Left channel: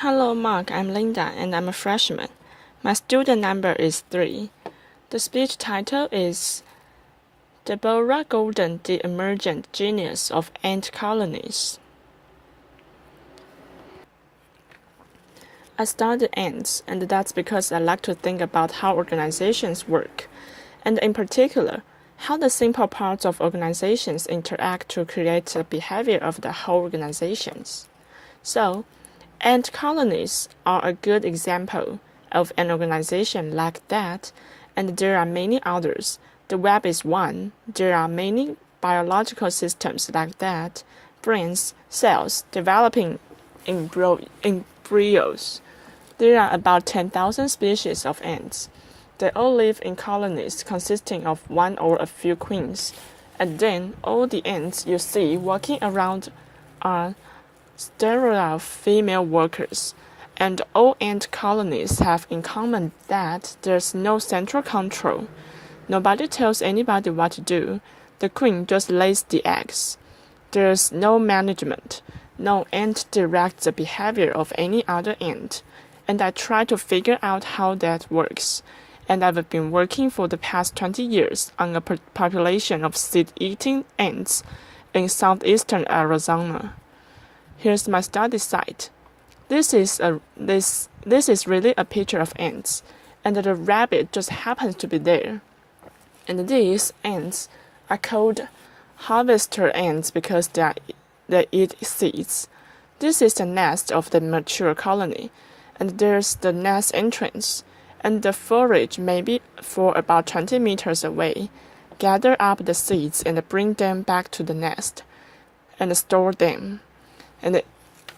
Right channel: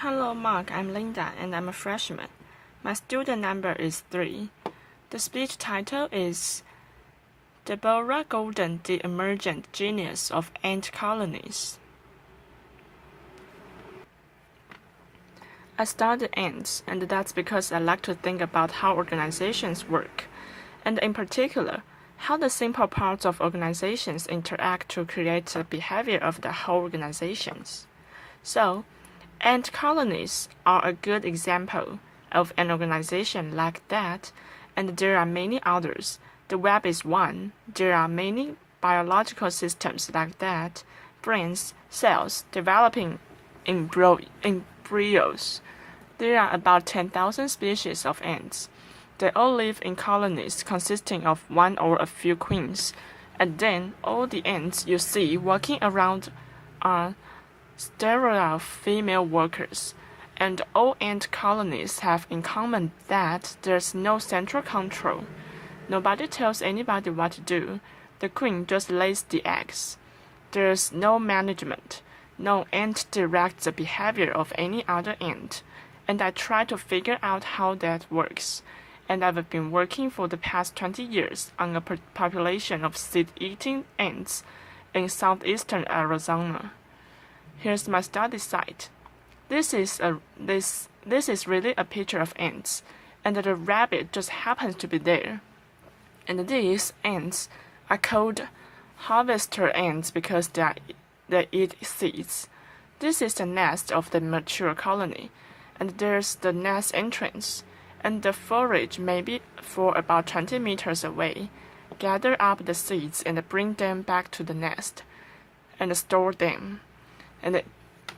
Hello, Mark. I'm Linda, and I'm a freshman. My student number is 3. The speech title is Deborah Golden, the Emergent Genius of Ant Colonies. I study ants, and that's because I like to think about how organizations work, and in particular, how the simple parts of organizations interact to create the behavior of the whole organizations. So, ant colonies are a good example of an organization like that, and there are many others. The web is one. There are many biological systems like that, brains, cells, developing embryos. There are about 10,000 species of ants. They all live in colonies consisting of one or a few queens, and then all the ants you see walking around are sterile female workers, and all ant colonies have in common that there's no central control. Nobody tells anybody what to do. The queen just lays the eggs. There's no management. No ant directs the behavior of any other ant, and I try to figure out how that works. And I've been working for the past 20 years on a population of seed-eating ants in southeastern Arizona. Here's my study site. This is really a picture of ants, and the rabbit just happens to be there. And these ants are called harvester ants because they eat seeds. This is the nest of the mature colony, and there's the nest entrance, and the forage may be for about 20 meters away. Gather up the seeds and bring them back to the nest, and store them. And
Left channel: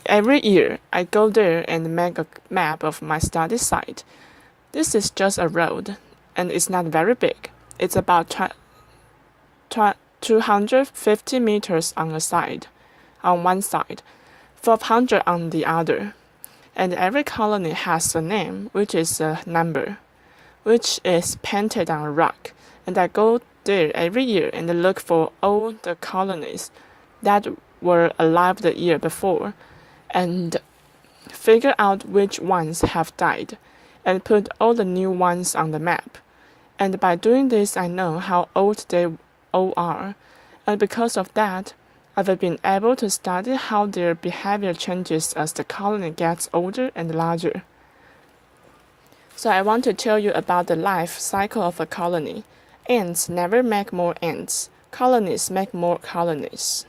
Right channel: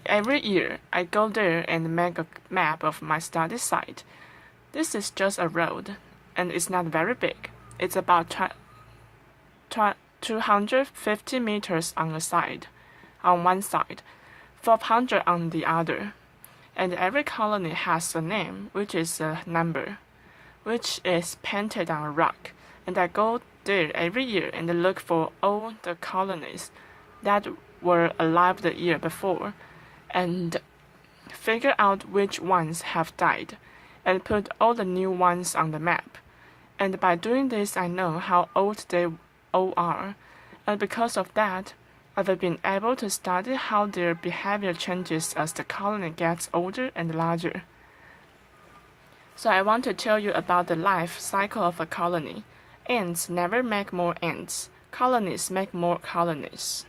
every year, I go there and make a map of my study site. This is just a road, and it's not very big. It's about 250 meters on one side, 400 on the other. And every colony has a name, which is a number, which is painted on a rock. And I go there every year and look for all the colonies that were alive the year before, and figure out which ones have died, and put all the new ones on the map. And by doing this, I know how old they all are, and because of that, I've been able to study how their behavior changes as the colony gets older and larger. So I want to tell you about the life cycle of a colony. Ants never make more ants. Colonies make more colonies.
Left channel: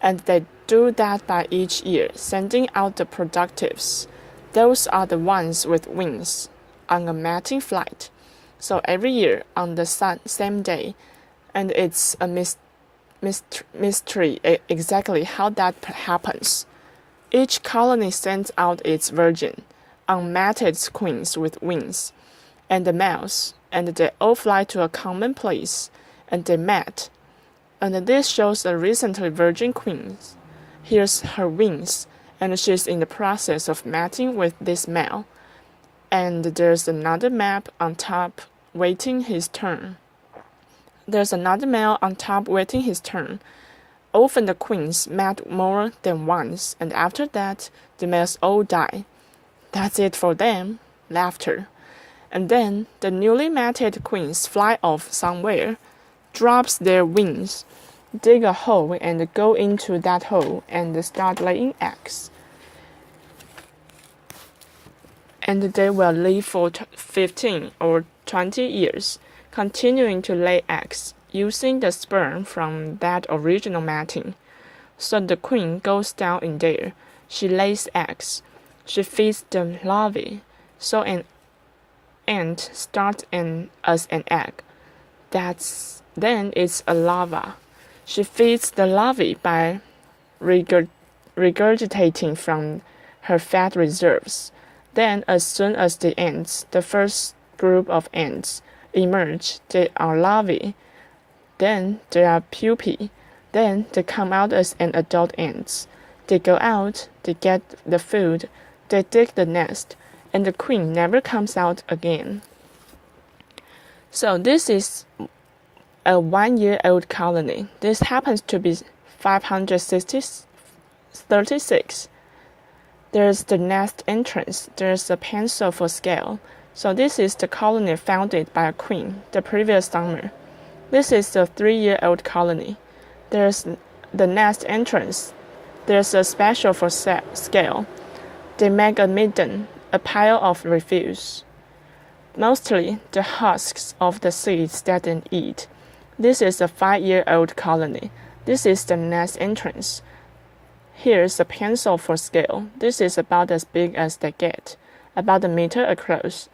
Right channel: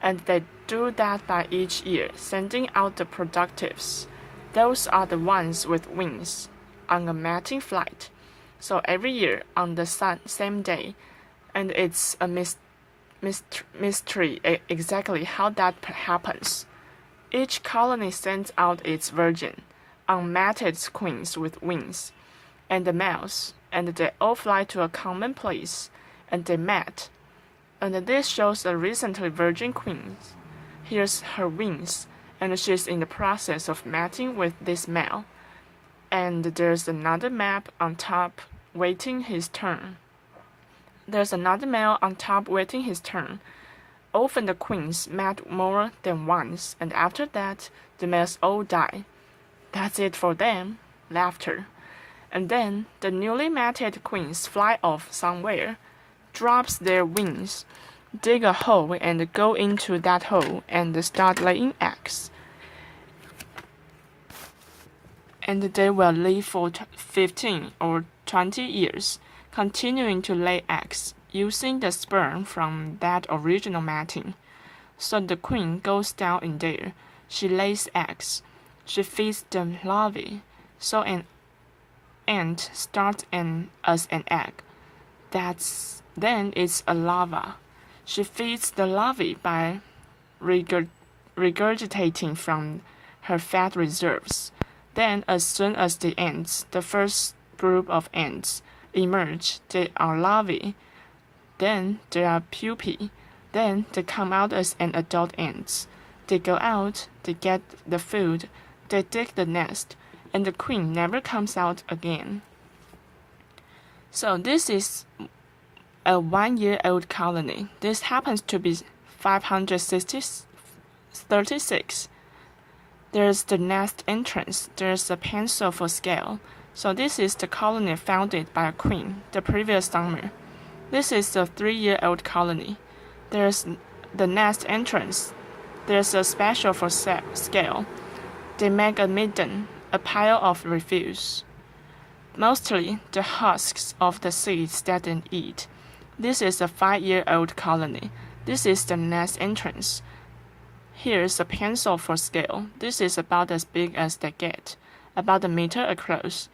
And they do that by each year, sending out the productives. Those are the ones with wings, on a mating flight. So every year on the same day, and it's a mystery exactly how that happens. Each colony sends out its virgin, unmated queens with wings, and the males, and they all fly to a common place, and they mate. And this shows a recently virgin queen. Here's her wings, and she's in the process of mating with this male. And there's another map on top waiting his turn. There's another male on top waiting his turn. Often the queens mate more than once, and after that, the males all die. That's it for them. Laughter. And then the newly mated queens fly off somewhere, drops their wings, dig a hole and go into that hole and start laying eggs. And they will live for 15 or 20 years, continuing to lay eggs, using the sperm from that original mating. So the queen goes down in there. She lays eggs. She feeds the larvae. So an ant starts as an egg. Then it's a larva. She feeds the larvae by regurgitating from her fat reserves. Then, as soon as the first group of ants, emerge, they are larvae. Then they are pupae. Then they come out as an adult ants. They go out, they get the food, they dig the nest, and the queen never comes out again. So this is a 1-year-old colony. This happens to be 536. There's the nest entrance. There's a pencil for scale. So this is the colony founded by a queen the previous summer. This is the 3-year-old colony. There's the nest entrance. There's a special for scale. They make a midden, a pile of refuse. Mostly the husks of the seeds that they eat. This is a 5-year-old colony. This is the nest entrance. Here's a pencil for scale. This is about as big as they get, about a meter across.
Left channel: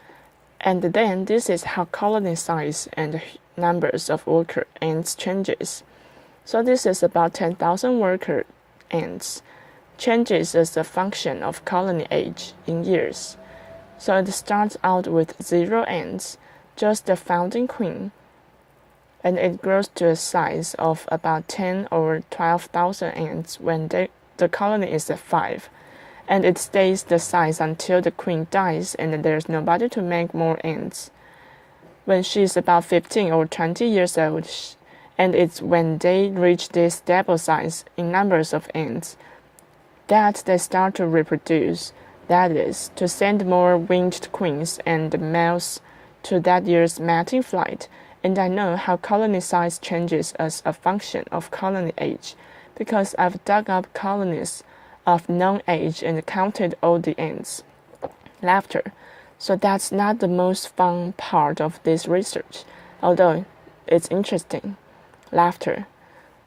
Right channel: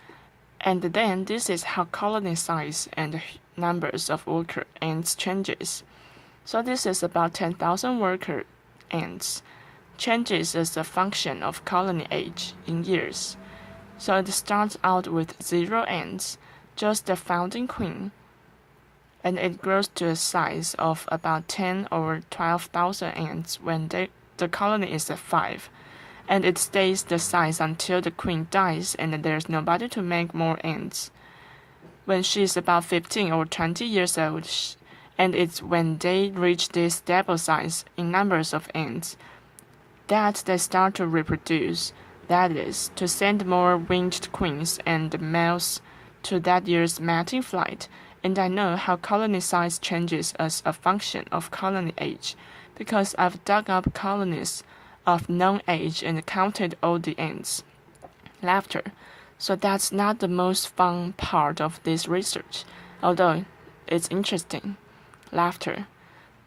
And then this is how colony size and numbers of worker ants changes. So this is about 10,000 worker ants. Changes as a function of colony age in years. So it starts out with 0 ants, just the founding queen, and it grows to a size of about 10 or 12,000 ants when the colony is at 5. And it stays the size until the queen dies and there's nobody to make more ants. When she's about 15 or 20 years old, and it's when they reach this stable size in numbers of ants that they start to reproduce, that is, to send more winged queens and males to that year's mating flight. And I know how colony size changes as a function of colony age, because I've dug up colonies of known age and counted all the ants. Laughter. So that's not the most fun part of this research, although it's interesting. Laughter.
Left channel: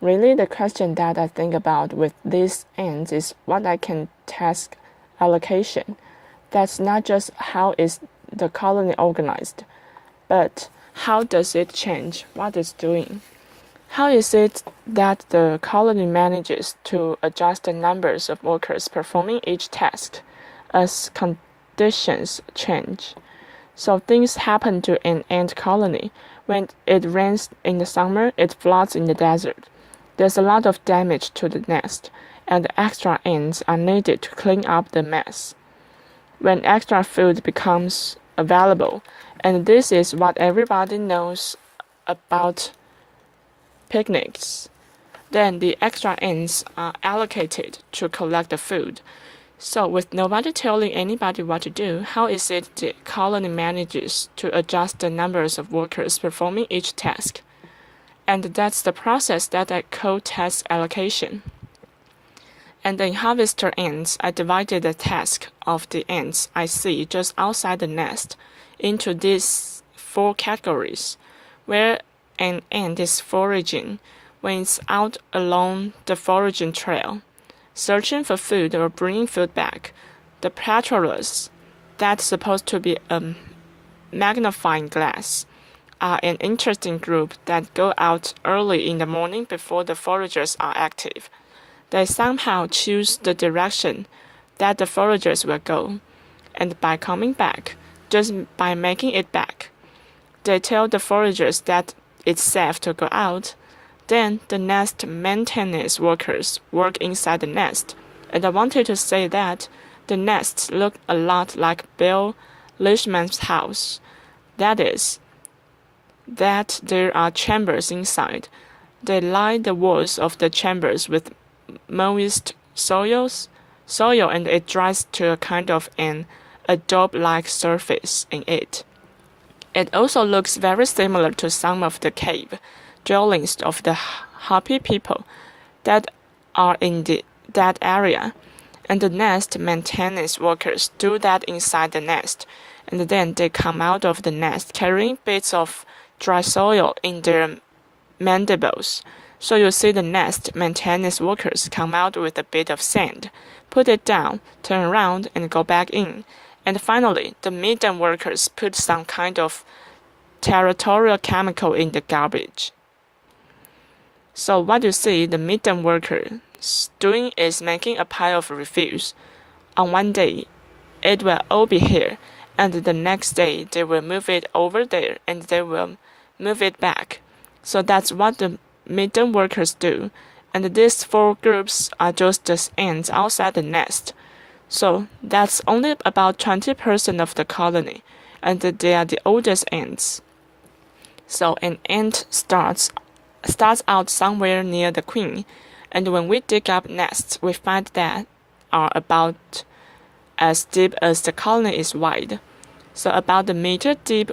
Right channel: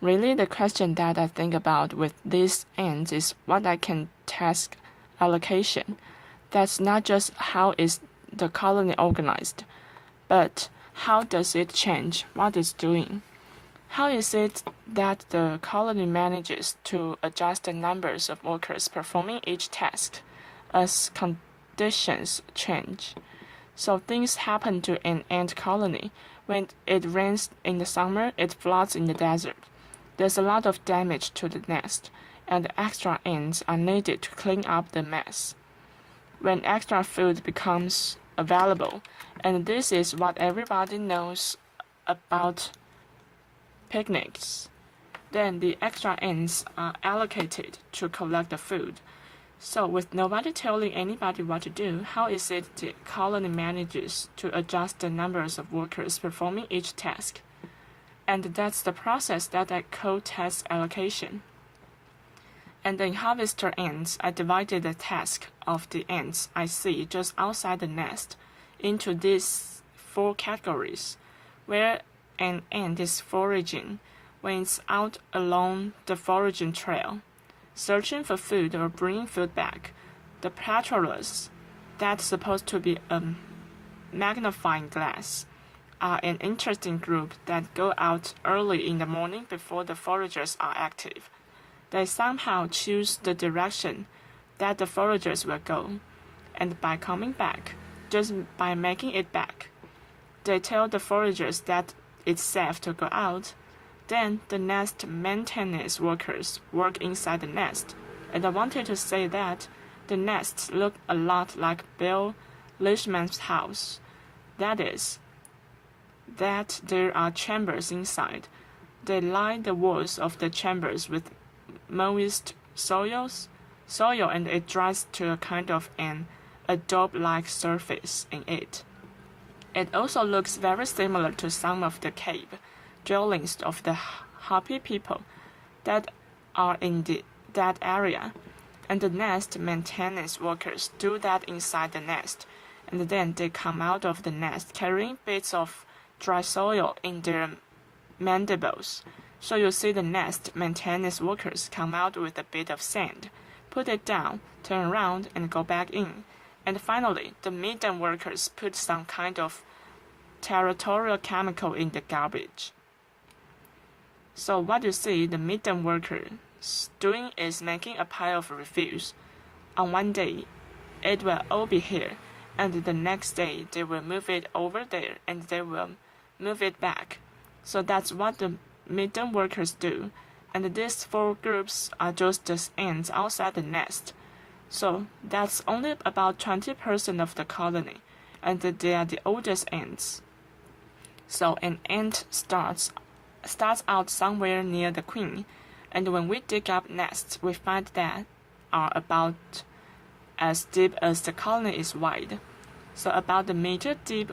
Really, the question that I think about with these ants is what I can task allocation. That's not just how is the colony organized, but how does it change what it's doing? How is it that the colony manages to adjust the numbers of workers performing each task as conditions change? So things happen to an ant colony. When it rains in the summer, it floods in the desert. There's a lot of damage to the nest, and extra ants are needed to clean up the mess. When extra food becomes available, and this is what everybody knows about picnics, then the extra ants are allocated to collect the food. So with nobody telling anybody what to do, how is it the colony manages to adjust the numbers of workers performing each task? And that's the process that I call task allocation. And in harvester ants, I divided the task of the ants I see just outside the nest into these 4 categories, where an ant is foraging when it's out along the foraging trail, searching for food or bringing food back. The patrollers, that's supposed to be a magnifying glass, are an interesting group that go out early in the morning before the foragers are active. They somehow choose the direction that the foragers will go, and by coming back, just by making it back, they tell the foragers that it's safe to go out. Then the nest maintenance workers work inside the nest, and I wanted to say that the nests look a lot like Bill Leishman's house. That is, that there are chambers inside. They line the walls of the chambers with moist soil, and it dries to a kind of an adobe-like surface in it. It also looks very similar to some of the cave dwellings of the Hopi people that are in that area, and the nest maintenance workers do that inside the nest, and then they come out of the nest carrying bits of dry soil in their mandibles. So you see the nest maintenance workers come out with a bit of sand, put it down, turn around, and go back in. And finally, the midden workers put some kind of territorial chemical in the garbage. So what you see the midden workers doing is making a pile of refuse. On one day, it will all be here, and the next day they will move it over there, and they will move it back. So that's what the midden workers do, and these 4 groups are just the ants outside the nest. So that's only about 20% of the colony, and they are the oldest ants. So an ant starts out somewhere near the queen, and when we dig up nests, we find that are about as deep as the colony is wide, so about a meter deep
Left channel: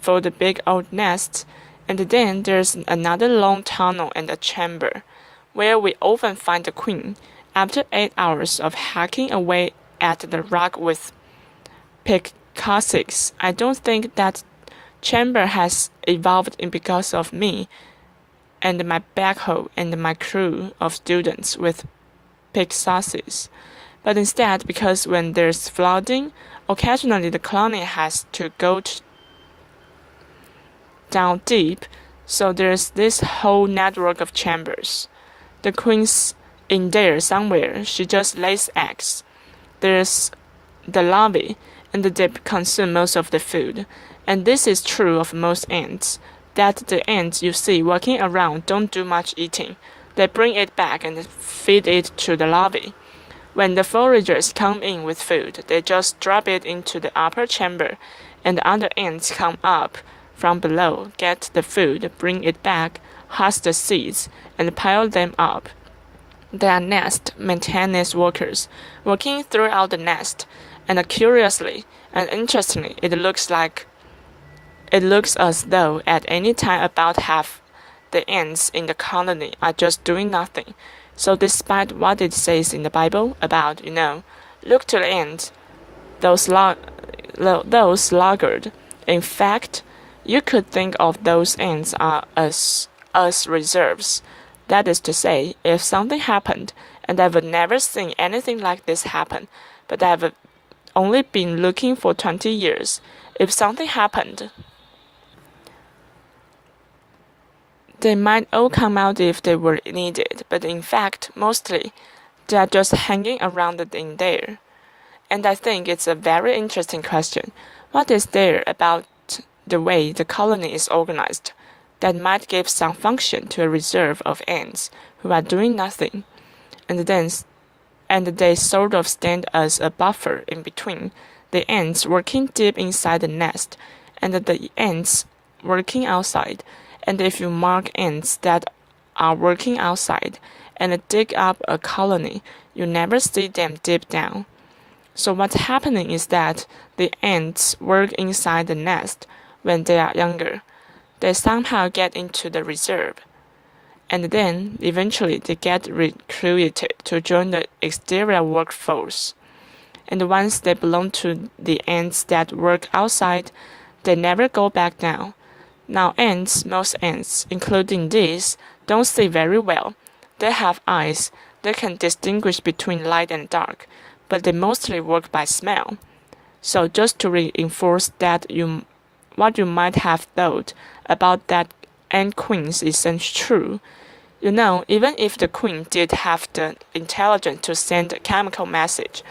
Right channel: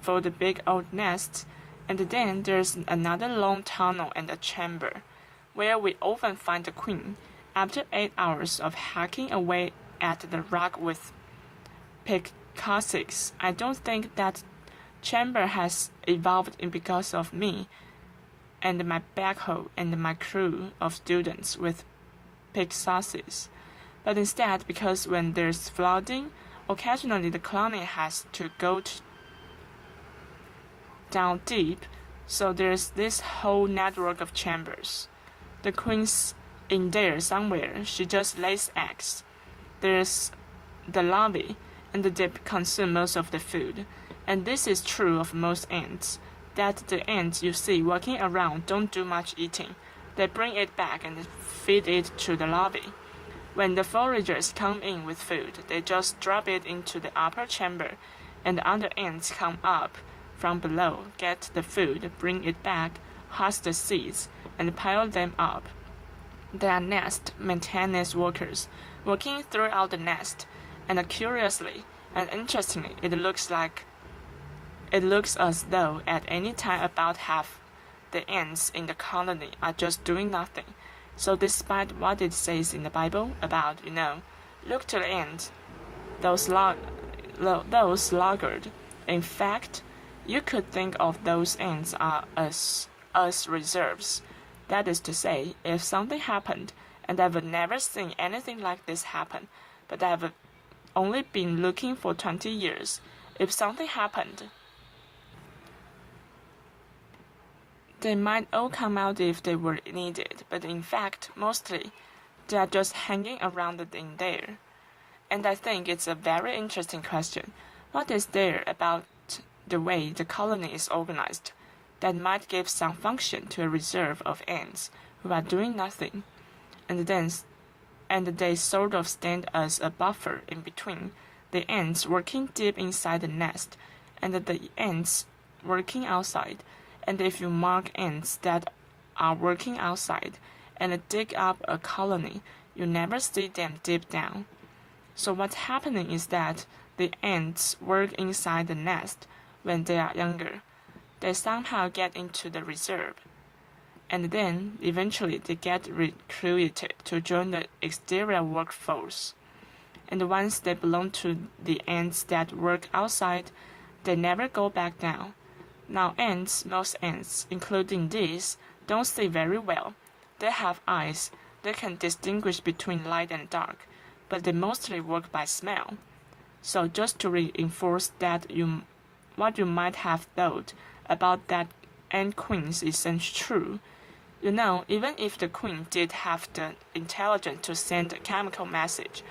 for the big old nest, and then there's another long tunnel and a chamber, where we often find the queen, after 8 hours of hacking away at the rock with pickaxes. I don't think that chamber has evolved because of me and my backhoe and my crew of students with pickaxes, but instead because when there's flooding, occasionally the colony has to go down deep, so there's this whole network of chambers. The queen's in there somewhere, she just lays eggs. There's the larvae, and they consume most of the food. And this is true of most ants, that the ants you see walking around don't do much eating. They bring it back and feed it to the larvae. When the foragers come in with food, they just drop it into the upper chamber, and the other ants come up from below, get the food, bring it back, husk the seeds, and pile them up. They are nest maintenance workers, working throughout the nest, and curiously and interestingly, it looks as though at any time about half the ants in the colony are just doing nothing. So despite what it says in the Bible about, look to the ants, those sluggard, in fact, you could think of those ants as reserves. That is to say, if something happened, and I've never seen anything like this happen, but I've only been looking for 20 years, if something happened, they might all come out if they were needed, but in fact, mostly, they are just hanging around in there. And I think it's a very interesting question. What is there about the way the colony is organized that might give some function to a reserve of ants who are doing nothing, and they sort of stand as a buffer in between the ants working deep inside the nest and the ants working outside. And if you mark ants that are working outside and dig up a colony, you never see them deep down. So what's happening is that the ants work inside the nest when they are younger. They somehow get into the reserve, and then eventually they get recruited to join the exterior workforce. And once they belong to the ants that work outside, they never go back down. Now most ants, including these, don't see very well. They have eyes. They can distinguish between light and dark, but they mostly work by smell. So just to reinforce that what you might have thought about that ant queens isn't true. Even if the queen did have the intelligence to send a chemical message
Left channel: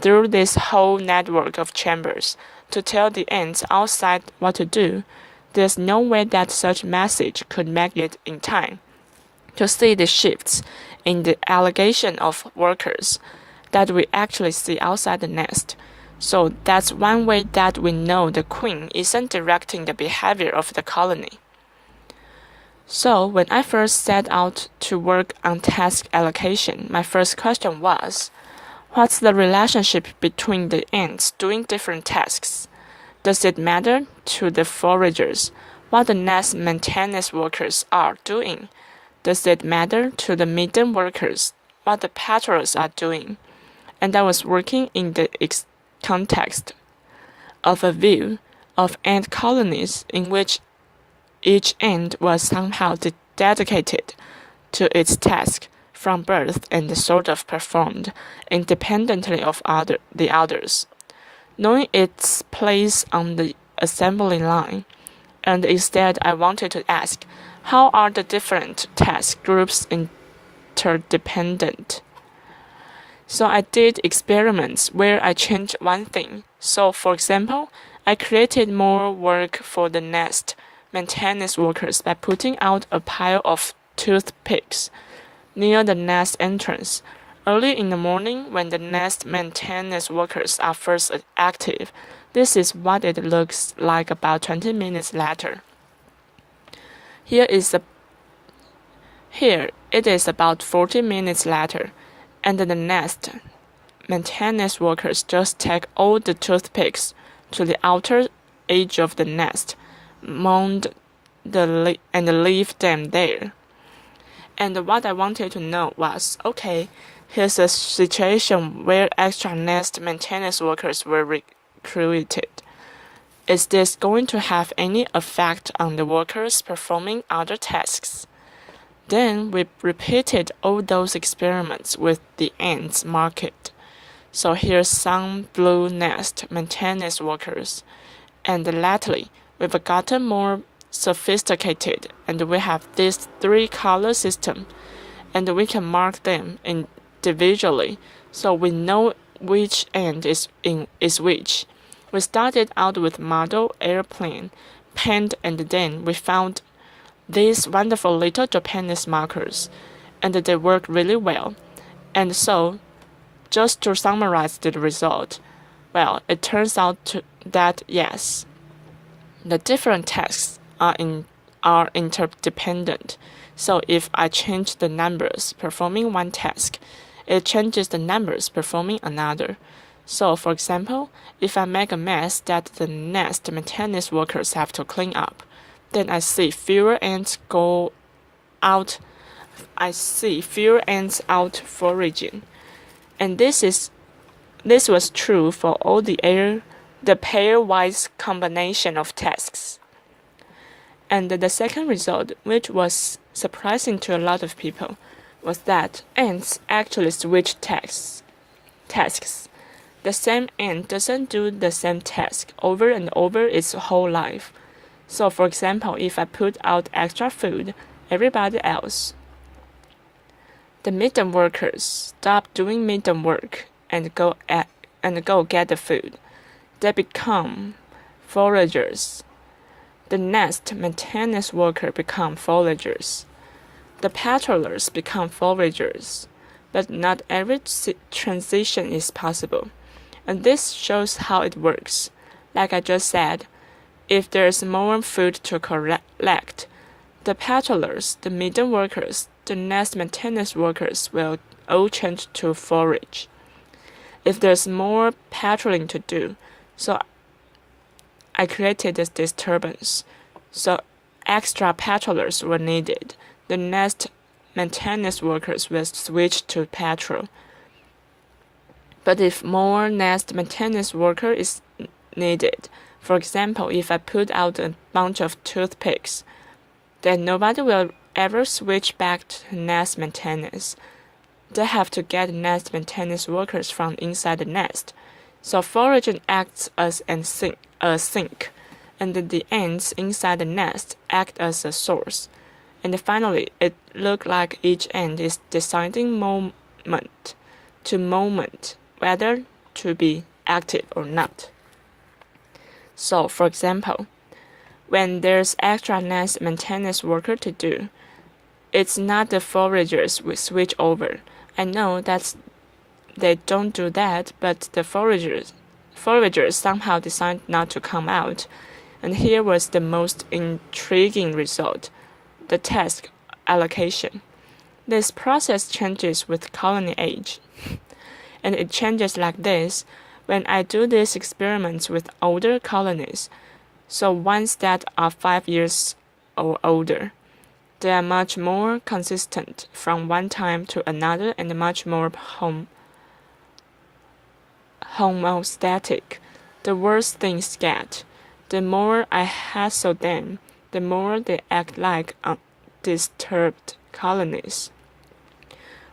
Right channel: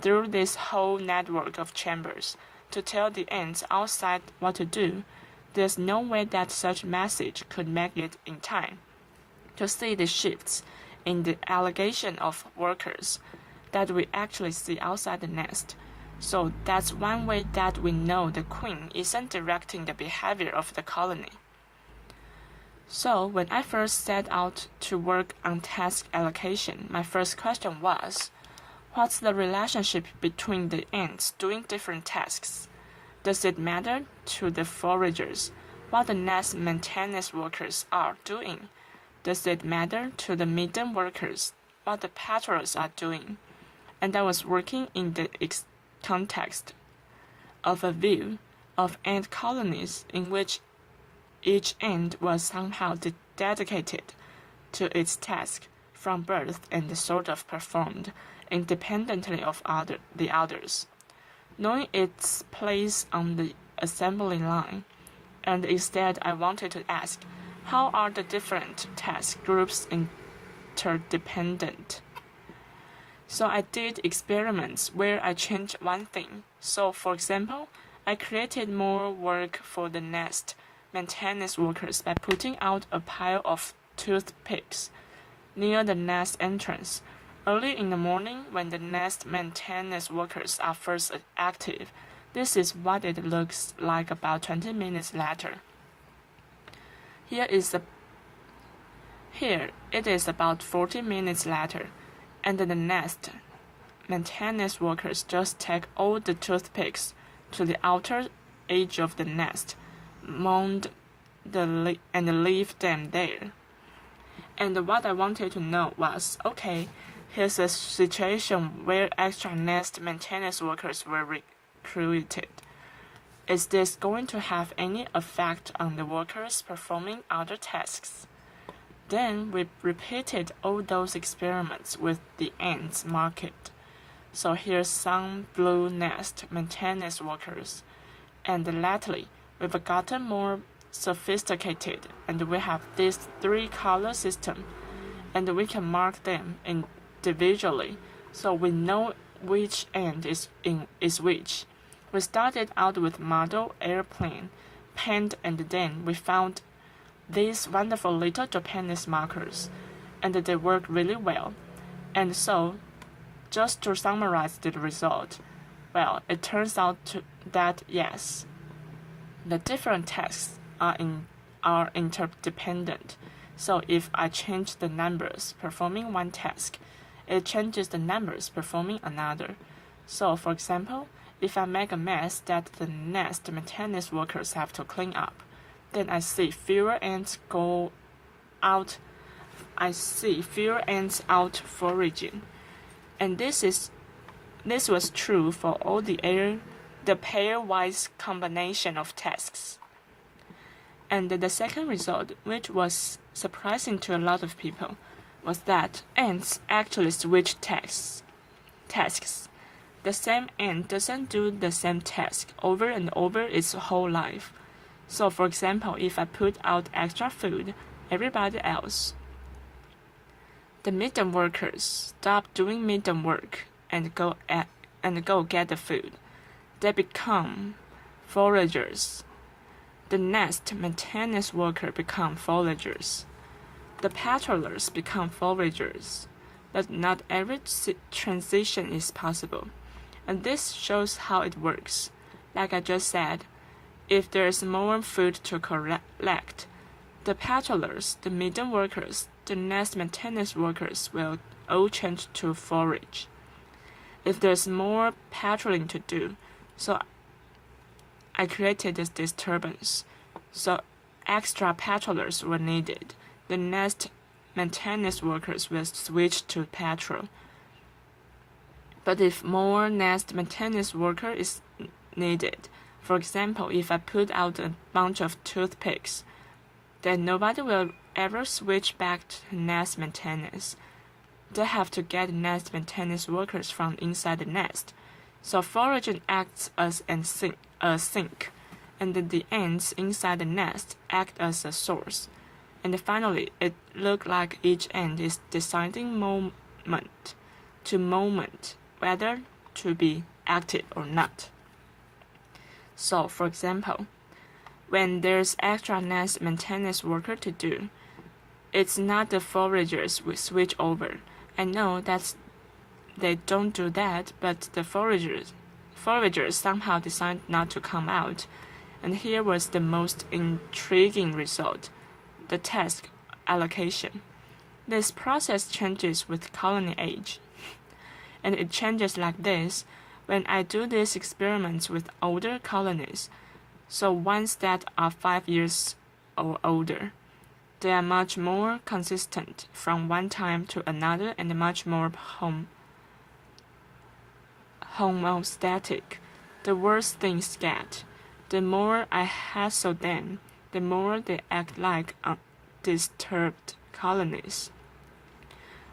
through this whole network of chambers to tell the ants outside what to do, there's no way that such message could make it in time to see the shifts in the allocation of workers that we actually see outside the nest. So that's one way that we know the queen isn't directing the behavior of the colony. So when I first set out to work on task allocation, my first question was, what's the relationship between the ants doing different tasks? Does it matter to the foragers what the nest maintenance workers are doing? Does it matter to the midden workers what the patrols are doing? And I was working in the context of a view of ant colonies in which each ant was somehow dedicated to its task from birth and sort of performed independently of the others, knowing its place on the assembly line. And instead I wanted to ask, how are the different task groups interdependent? So I did experiments where I changed one thing. So for example, I created more work for the nest maintenance workers by putting out a pile of toothpicks near the nest entrance early in the morning when the nest maintenance workers are first active. This is what it looks like about 20 minutes later. Here it is about 40 minutes later, and the nest maintenance workers just take all the toothpicks to the outer edge of the nest, mound and leave them there. And what I wanted to know was, okay, here's a situation where extra nest maintenance workers were recruited. Is this going to have any effect on the workers performing other tasks? Then we repeated all those experiments with the ants market. So here's some blue nest maintenance workers. And lately, we've gotten more sophisticated, and we have this 3-color system, and we can mark them individually, so we know which ant is which. We started out with model airplane, paint, and then we found these wonderful little Japanese markers, and they work really well. And so, just to summarize the result, well, it turns out that yes, the different tasks are interdependent. So if I change the numbers performing one task, it changes the numbers performing another. So for example, if I make a mess that the nest maintenance workers have to clean up, then I see fewer ants out foraging. And this was true for all the pairwise combination of tasks. And the second result, which was surprising to a lot of people, was that ants actually switch tasks. The same ant doesn't do the same task over and over its whole life. So for example, if I put out extra food, everybody else, the midden workers, stop doing midden work and go get the food. They become foragers. The nest maintenance worker become foragers. The patrollers become foragers. But not every transition is possible. And this shows how it works. Like I just said, if there's more food to collect, the patrollers, the midden workers, the nest maintenance workers will all change to forage. If there's more patrolling to do, so I created this disturbance. So extra patrollers were needed. The nest maintenance workers will switch to patrol. But if more nest maintenance worker is needed, for example, if I put out a bunch of toothpicks, then nobody will ever switch back to nest maintenance. They have to get nest maintenance workers from inside the nest. So foraging acts as a sink, and the ants inside the nest act as a source. And finally, it looked like each ant is deciding moment to moment whether to be active or not. So, for example, when there's extra nest maintenance worker to do, it's not the foragers we switch over. I know that they don't do that, but the foragers somehow decide not to come out. And here was the most intriguing result, the task allocation. This process changes with colony age. And it changes like this when I do these experiments with older colonies, so ones that are 5 years or older. They are much more consistent from one time to another and much more homostatic. The worse things get, the more I hassle them, the more they act like undisturbed colonies.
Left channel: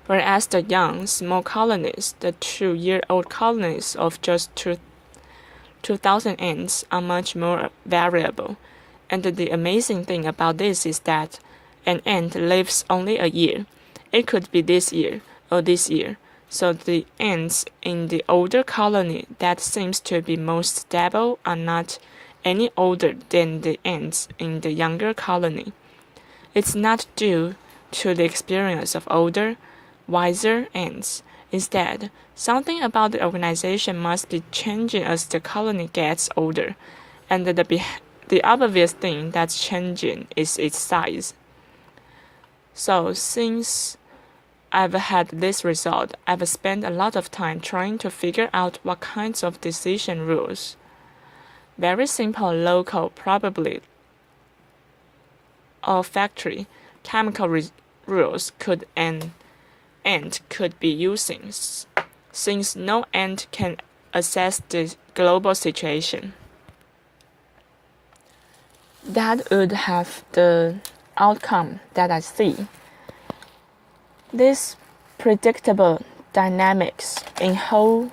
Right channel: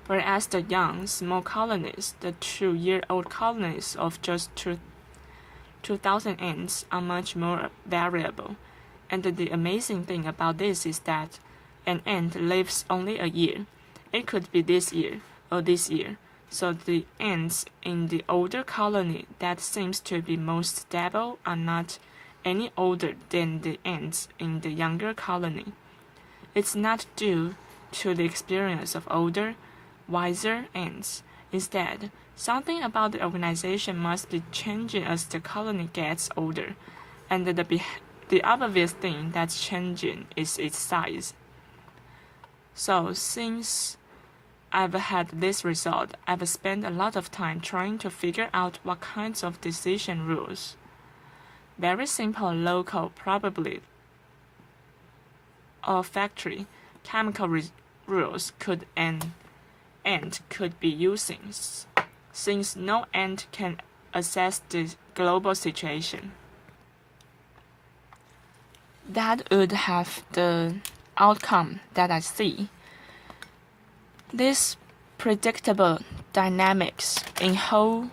Whereas the young, small colonies, the 2-year-old colonies of just 2,000 ants are much more variable. And the amazing thing about this is that an ant lives only a year. It could be this year or this year. So the ants in the older colony that seems to be most stable are not any older than the ants in the younger colony. It's not due to the experience of older, wiser ants. Instead, something about the organization must be changing as the colony gets older, and the obvious thing that's changing is its size. So since I've had this result. I've spent a lot of time trying to figure out what kinds of decision rules, very simple local, probably olfactory, chemical rules could an ant could be using, since no ant can assess the global situation. That would have the outcome that I see. This predictable dynamics in who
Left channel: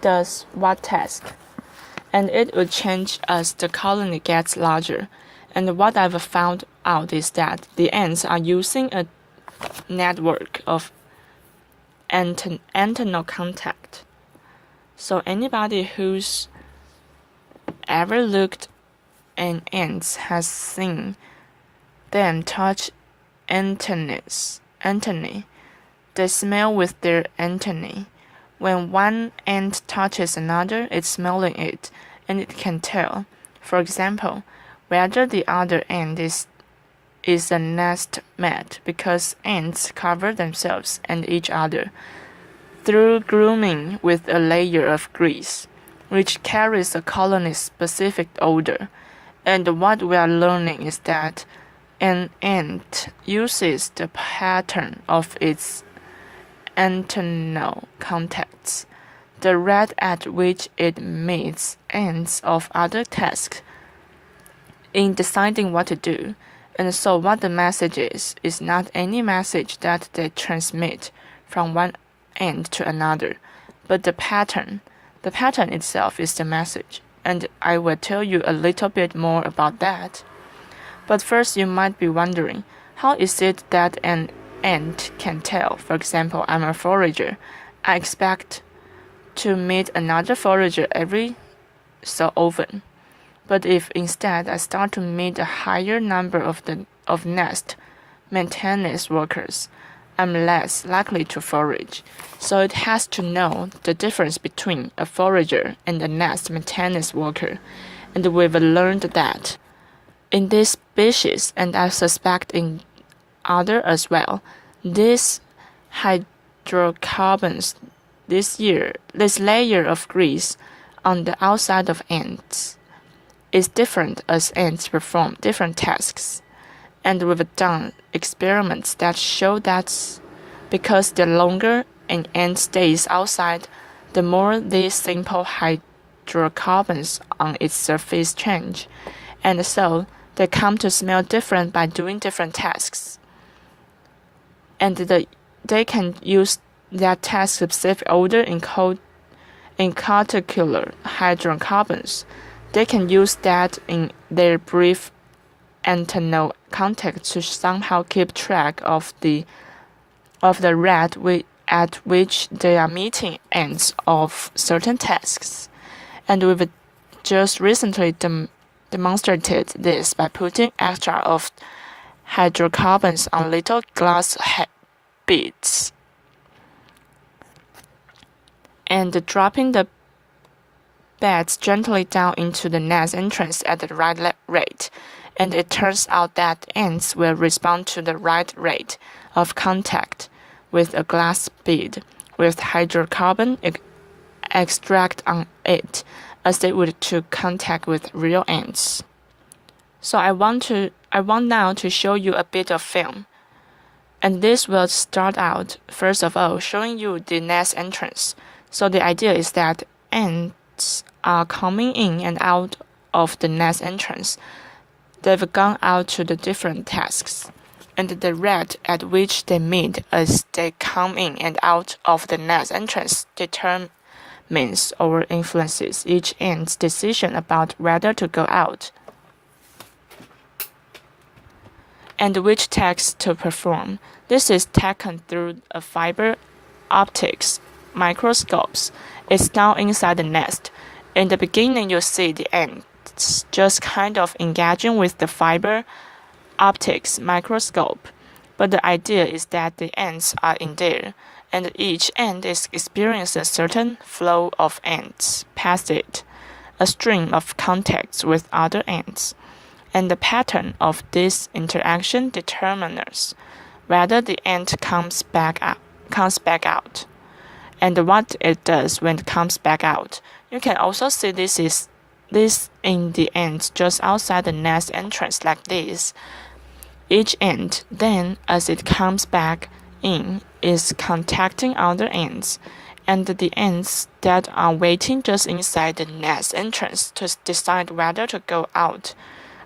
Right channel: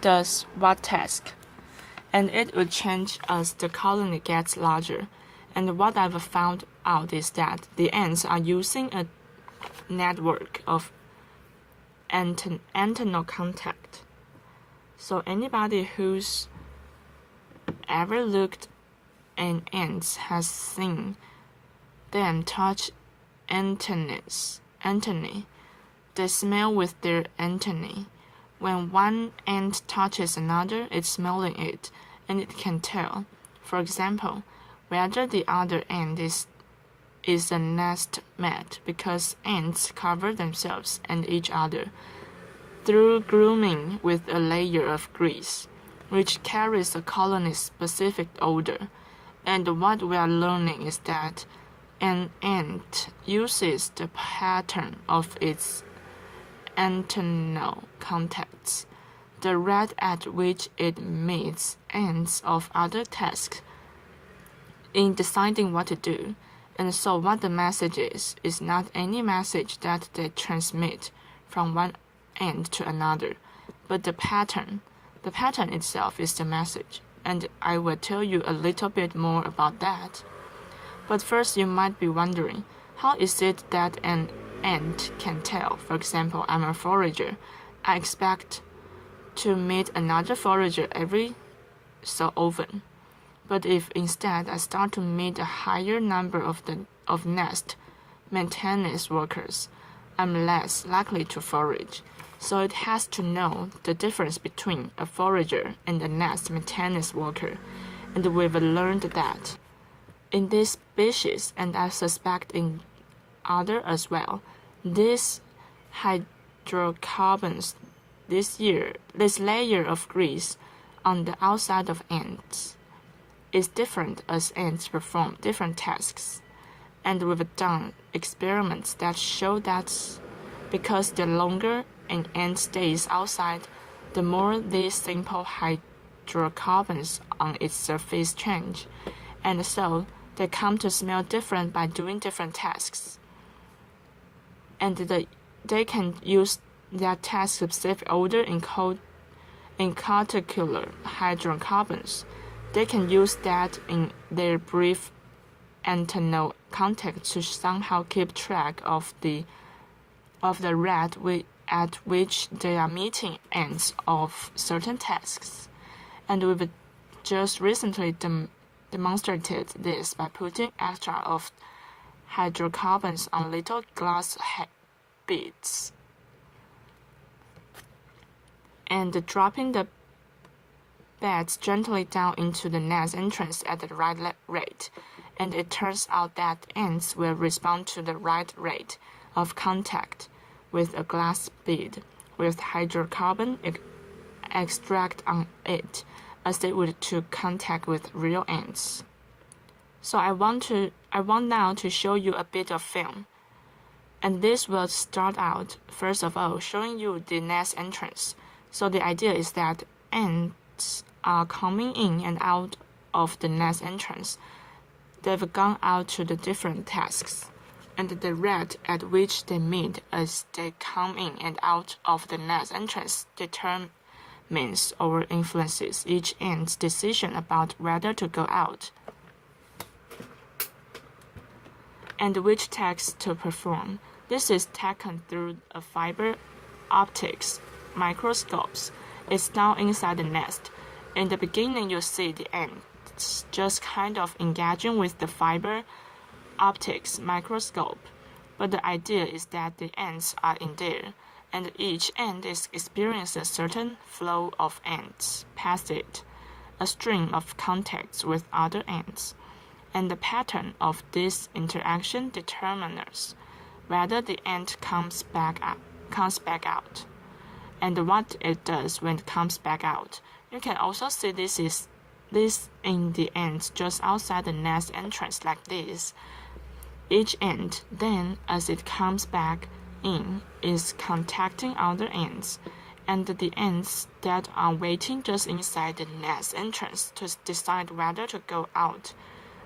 does what task, and it would change as the colony gets larger. And what I've found out is that the ants are using a network of antennal contact. So anybody who's ever looked at ants has seen them touch antennae. They smell with their antennae. When one ant touches another, it's smelling it, and it can tell, for example, whether the other ant is a nest mate, because ants cover themselves and each other through grooming with a layer of grease, which carries a colony's specific odor. And what we are learning is that an ant uses the pattern of its antennal contacts, the rate at which it meets ants of other tasks, in deciding what to do. And so what the message is not any message that they transmit from one ant to another, but the pattern. The pattern itself is the message, and I will tell you a little bit more about that. But first, you might be wondering, how is it that an ant can tell? For example, I'm a forager. I expect to meet another forager every so often. But if instead I start to meet a higher number of nest maintenance workers, I'm less likely to forage. So it has to know the difference between a forager and a nest maintenance worker. And we've learned that in this species, and I suspect in other as well, these hydrocarbons, this layer of grease on the outside of ants, is different as ants perform different tasks. And we've done experiments that show that because the longer an ant stays outside, the more these simple hydrocarbons on its surface change. And so they come to smell different by doing different tasks. And they can use that task-specific odor in particular hydrocarbons. They can use that in their brief antennal contact to somehow keep track of the rate at which they are meeting ends of certain tasks. And we've just recently demonstrated this by putting extra of hydrocarbons on little glass beads and dropping the beds gently down into the nest entrance at the right rate, and it turns out that ants will respond to the right rate of contact with a glass bead with hydrocarbon extract on it as they would to contact with real ants. So I want now to show you a bit of film. And this will start out, first of all, showing you the nest entrance. So the idea is that ants are coming in and out of the nest entrance. They've gone out to the different tasks, and the rate at which they meet as they come in and out of the nest entrance determines or influences each ant's decision about whether to go out and which task to perform. This is taken through a fiber optics microscopes. It's now inside the nest. In the beginning, you see the ants just kind of engaging with the fiber optics microscope. But the idea is that the ants are in there, and each ant is experiencing a certain flow of ants past it, a stream of contacts with other ants. And the pattern of this interaction determines whether the ant comes back out, and what it does when it comes back out. You can also see this in the ants just outside the nest entrance like this. Each ant, then, as it comes back in, is contacting other ants, and the ants that are waiting just inside the nest entrance to decide whether to go out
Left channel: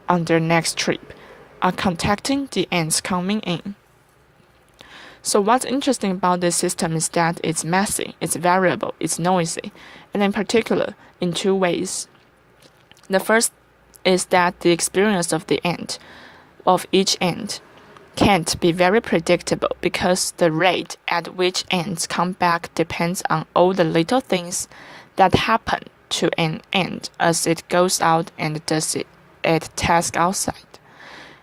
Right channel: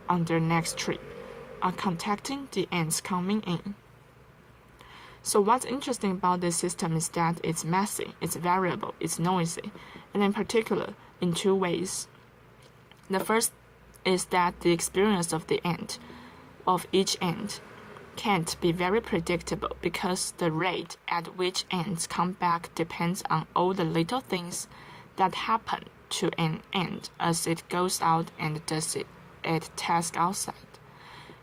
on their next trip are contacting the ants coming in. So what's interesting about this system is that it's messy, it's variable, it's noisy, and in particular, in two ways. The first is that the experience of each ant can't be very predictable because the rate at which ants come back depends on all the little things that happen to an ant as it goes out and does its task outside.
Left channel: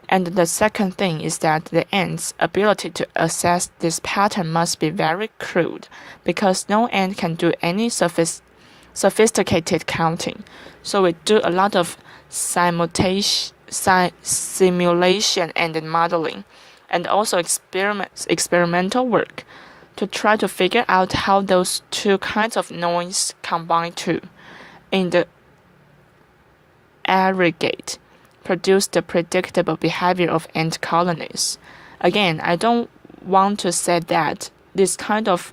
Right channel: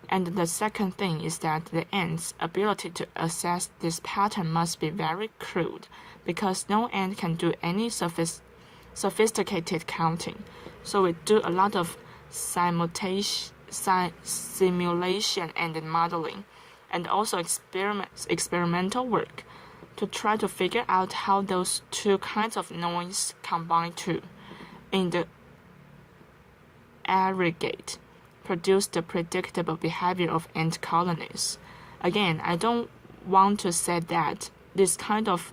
And the second thing is that the ant's ability to assess this pattern must be very crude because no ant can do any sophisticated counting. So we do a lot of simulation and modeling, and also experimental work to try to figure out how those two kinds of noise combine to, in the aggregate, produce the predictable behavior of ant colonies. Again, I don't want to say that this kind of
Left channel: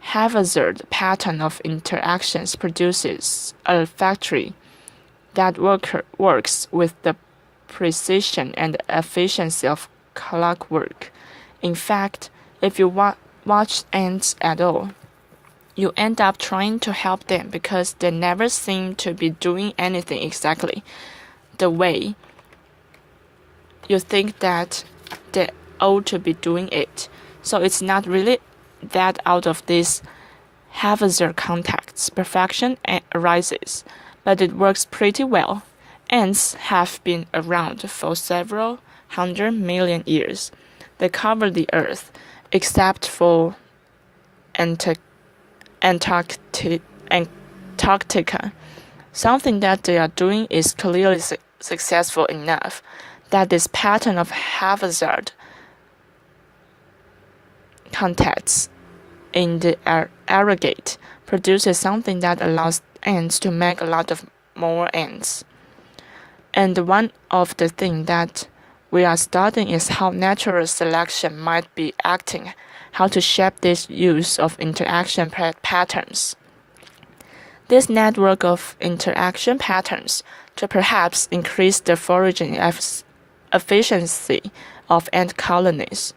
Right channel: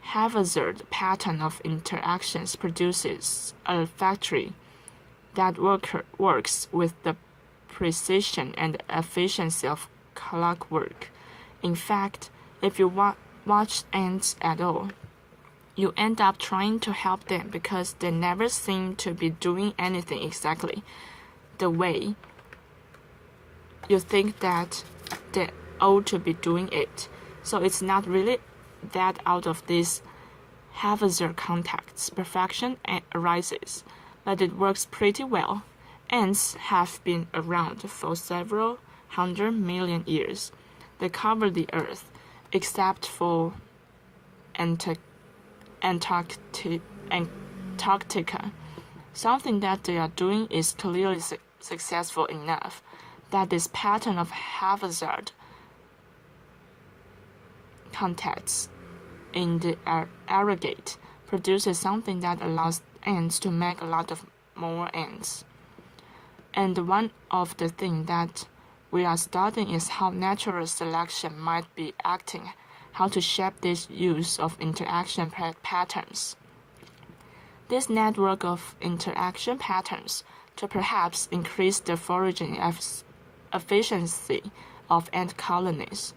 haphazard pattern of interactions produces a factory that works with the precision and efficiency of clockwork. In fact, if you watch ants at all, you end up trying to help them because they never seem to be doing anything exactly the way you think that they ought to be doing it. So it's not really that out of these haphazard contacts perfection arises, but it works pretty well. Ants have been around for several 100 million years. They cover the earth, except for Antarctica. Something that they are doing is clearly successful enough that this pattern of haphazard contacts in the aggregate produces something that allows ants to make a lot of more ants. And one of the things that we are studying is how natural selection might be acting, how to shape this use of interaction patterns. This network of interaction patterns to perhaps increase the foraging efficiency of ant colonies.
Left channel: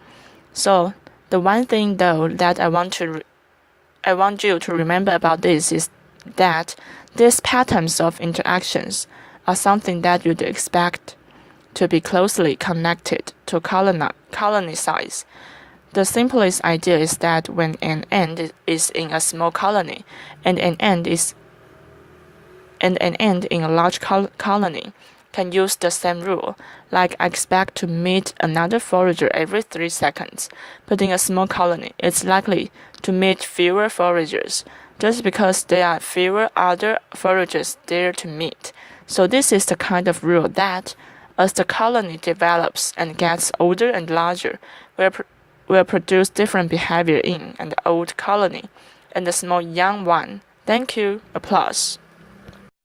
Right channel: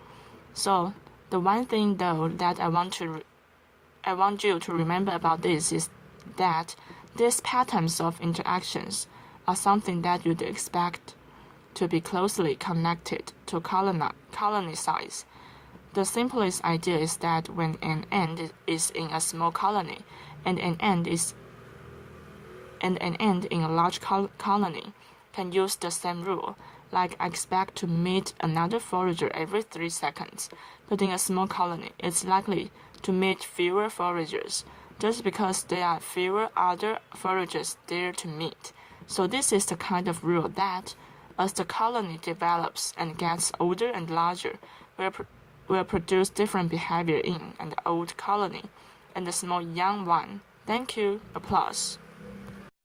So the one thing though that I want you to remember about this is that these patterns of interactions are something that you'd expect to be closely connected to colony size. The simplest idea is that when an ant is in a small colony and an ant in a large colony can use the same rule, like I expect to meet another forager every 3 seconds, but in a small colony, it's likely to meet fewer foragers, just because there are fewer other foragers there to meet. So this is the kind of rule that, as the colony develops and gets older and larger, will produce different behavior in an old colony and a small young one. Thank you. Applause.